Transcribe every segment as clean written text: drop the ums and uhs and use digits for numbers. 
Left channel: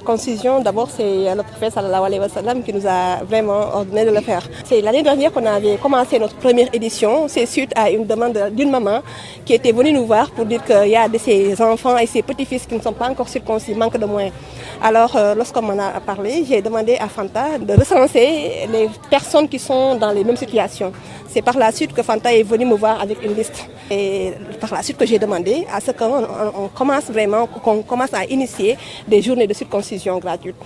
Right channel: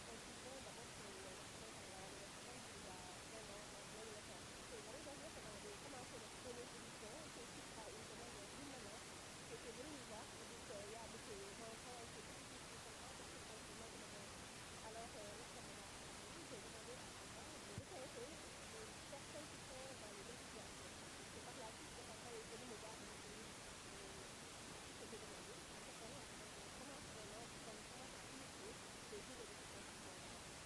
circoncision, d'abord c'est le prophète sallallahu alayhi wa sallam qui nous a vraiment ordonné de le faire. C'est l'année dernière qu'on avait commencé notre première édition. C'est suite à une demande d'une maman qui était venue nous voir pour dire qu'il y a de ses enfants et ses petits-fils qui ne sont pas encore circoncis, manque de moyens. Alors lorsqu'on m'en a parlé, j'ai demandé à Fanta de recenser les personnes qui sont dans les mêmes situations. C'est par la suite que Fanta est venu me voir avec une liste. Et par la suite que j'ai demandé à ce qu'on commence à initier des journées de circoncision gratuites.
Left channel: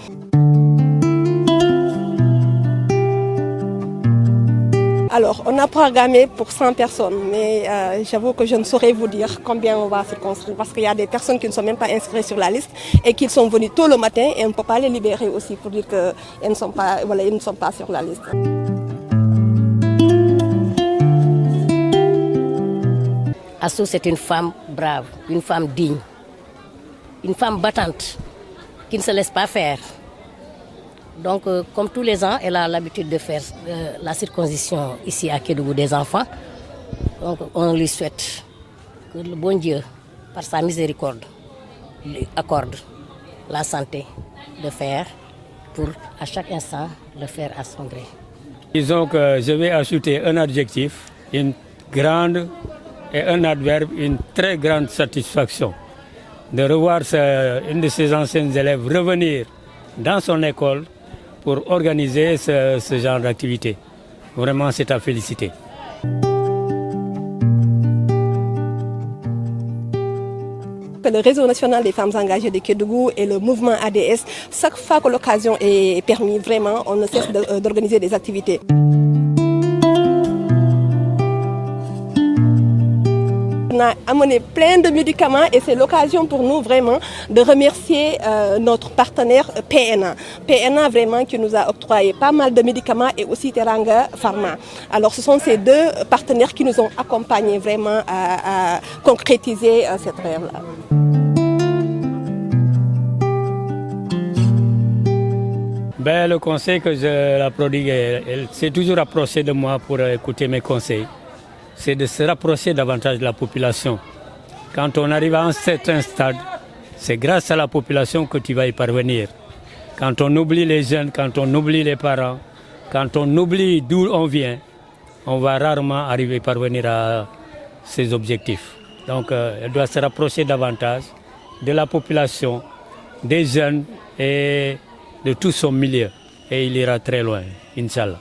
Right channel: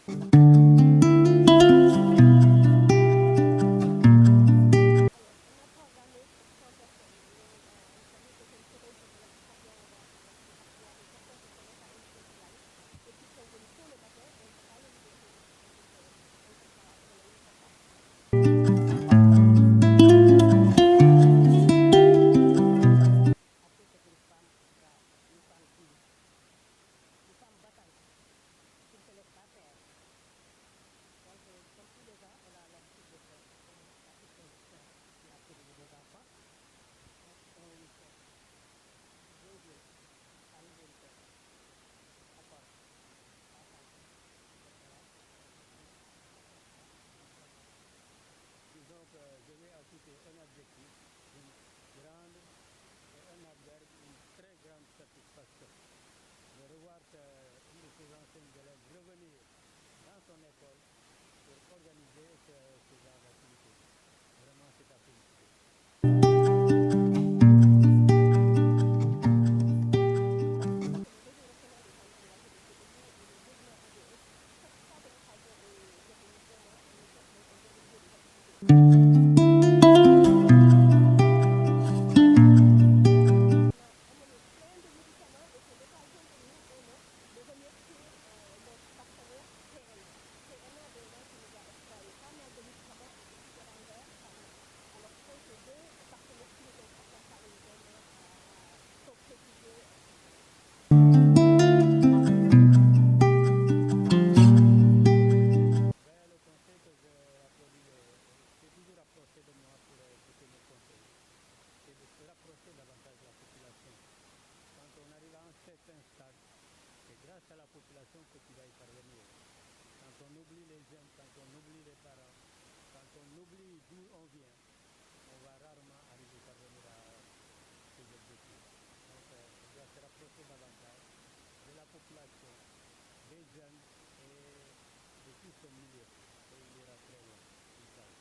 Alors, on a programmé pour 100 personnes, mais j'avoue que je ne saurais vous dire combien on va circoncire parce qu'il y a des personnes qui ne sont même pas inscrites sur la liste et qui sont venues tôt le matin et on ne peut pas les libérer aussi pour dire qu'ils ne sont pas, ils ne sont pas sur la liste. Astou, c'est une femme brave, une femme digne, une femme battante qui ne se laisse pas faire. Donc, comme tous les ans, elle a l'habitude de faire la circoncision ici à Kédougou des enfants. Donc, on lui souhaite que le bon Dieu, par sa miséricorde, lui accorde la santé de faire pour, à chaque instant, le faire à son gré. Disons que je vais ajouter un adjectif, une grande et un adverbe, une très grande satisfaction de revoir une de ses anciennes élèves revenir dans son école pour organiser ce genre d'activité. Vraiment, c'est à féliciter. Le réseau national des femmes engagées de Kédougou et le mouvement ADS, chaque fois que l'occasion est permise, vraiment, on ne cesse d'organiser des activités. On a amené plein de médicaments et c'est l'occasion pour nous vraiment de remercier notre partenaire PNA. PNA vraiment qui nous a octroyé pas mal de médicaments et aussi Teranga Pharma. Alors ce sont ces deux partenaires qui nous ont accompagnés vraiment à concrétiser cette rêve-là. Ben, le conseil que je la prodigue, elle s'est toujours approchée de moi pour écouter mes conseils. C'est de se rapprocher davantage de la population. Quand on arrive à un certain stade, c'est grâce à la population que tu vas y parvenir. Quand on oublie les jeunes, quand on oublie les parents, quand on oublie d'où on vient, on va rarement arriver à parvenir à ses objectifs. Donc elle doit se rapprocher davantage de la population, des jeunes et de tout son milieu. Et il ira très loin, Inch'Allah.